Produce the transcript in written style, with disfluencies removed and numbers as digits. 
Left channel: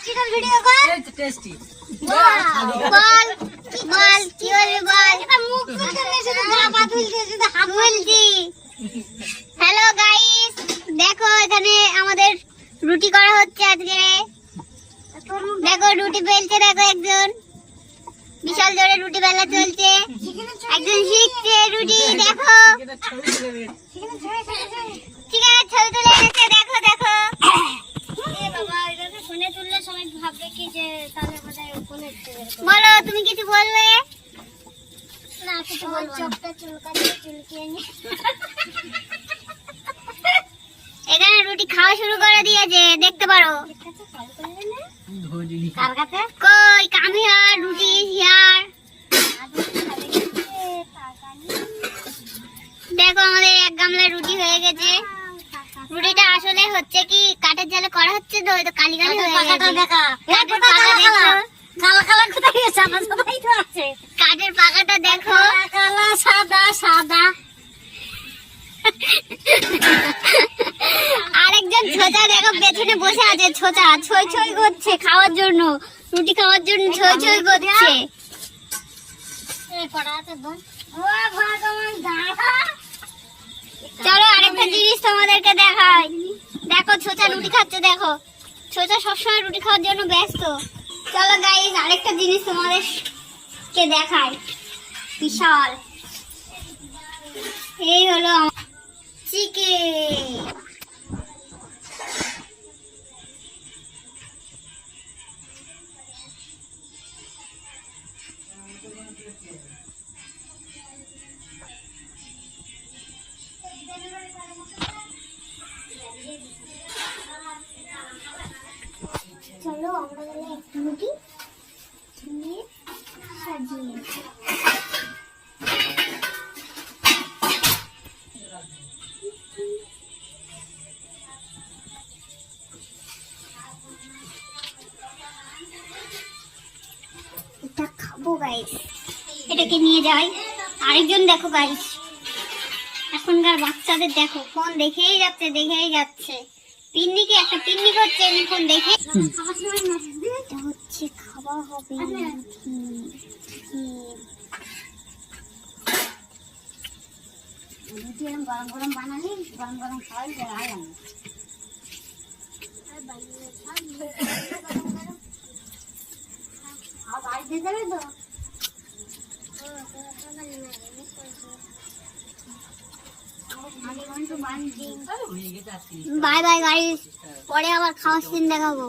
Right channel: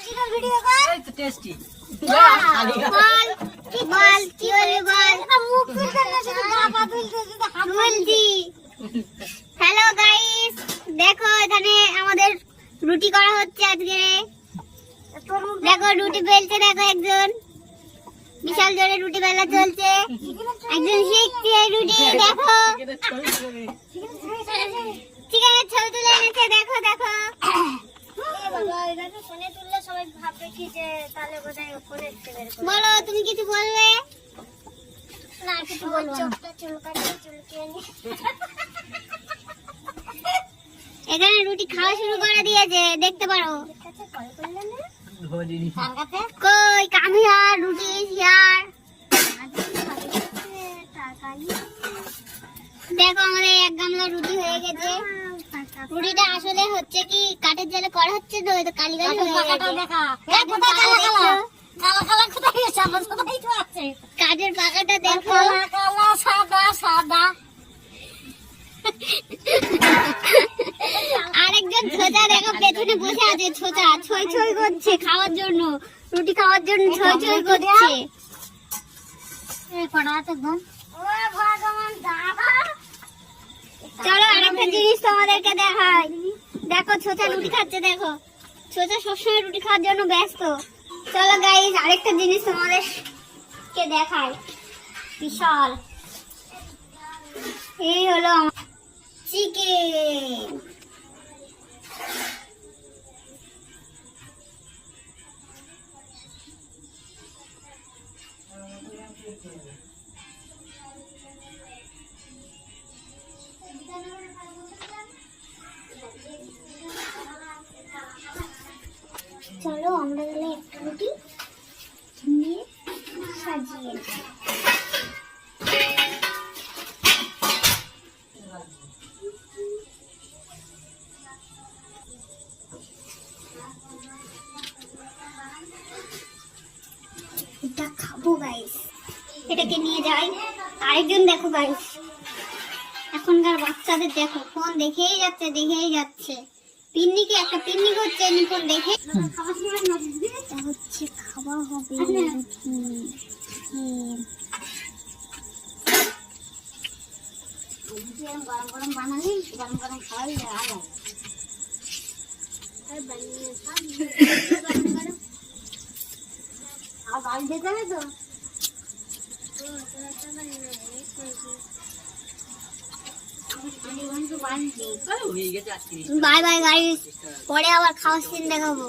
টেস্টিটার video কর। এই তো টেস্টি। বল কি বল কি বলবি বল। এটা মুখ তুলতে না শুধু গা পা তুলতে শুধু হাত বলছি। হ্যালো গাইস, দেখো এখানে আমাদের রুটি করা হচ্ছে আজকে। দেখো রুটি বেলছে, দেখো একজন বিশাল জোরে রুটি বেলা চলছে, একজন শিখছে রুটি। দেখো চিকেনের ছবি তুলে এনেছে, দেখো দেখো। বলো তুমি কিছু বলবে? না কিছু বলবো না। এখানে রুটি খাওয়া শুরু করে দিয়েছে, দেখতে পারো। কার কাছে? কই কামিয়া রুটি হিয়ার। দেখো আমাদের এক গামলা রুটি হয়ে গেছে। রুটিটা আসলে হচ্ছে কি কাঠের জালে করা হচ্ছে তো, ওই তো কালি কালি হয়ে গেছে। কাঠের পাকাটা দেখো, সাদা সাদা। আরেকজন ছোচা দেখো পেছনে বসে আছে, ছোচা ছই ছই করছে খাওয়ার জন্য, রুটি খাওয়ার জন্য ছই ছই করছে। চলো আরেকটা জিনিস তোমাদেরকে দেখাই। দেখো ছোচা রুটি খাচ্ছে, দেখো ছোচা সবসময় রুটি খাওয়ার জন্য ব্যস্ত। চলো গাইস আরেকটা জিনিস তোমাদেরকে দেখাই, বিশাল। এই হলো চিকেন। চলো আমরা তাহলে একটা রুটি নিয়ে সাজিয়ে নিই। এটা খাবো গাইস, এটাকে নিয়ে যাই। আরেকজন দেখো গাইস, এখনকার বাচ্চাদের দেখো ফোন দেখেই যাচ্ছে দেখেই যাচ্ছে। পিন্নিকে একটা পিন্নি হচ্ছে ফোন দেখে। এটা হচ্ছে খাওয়া হবে। গরম গরম বানালি, গরম গরম খাওয়াই যায়। বাই বাই গাইস, পরে আবার খাওয়ার সিন দেখাবো।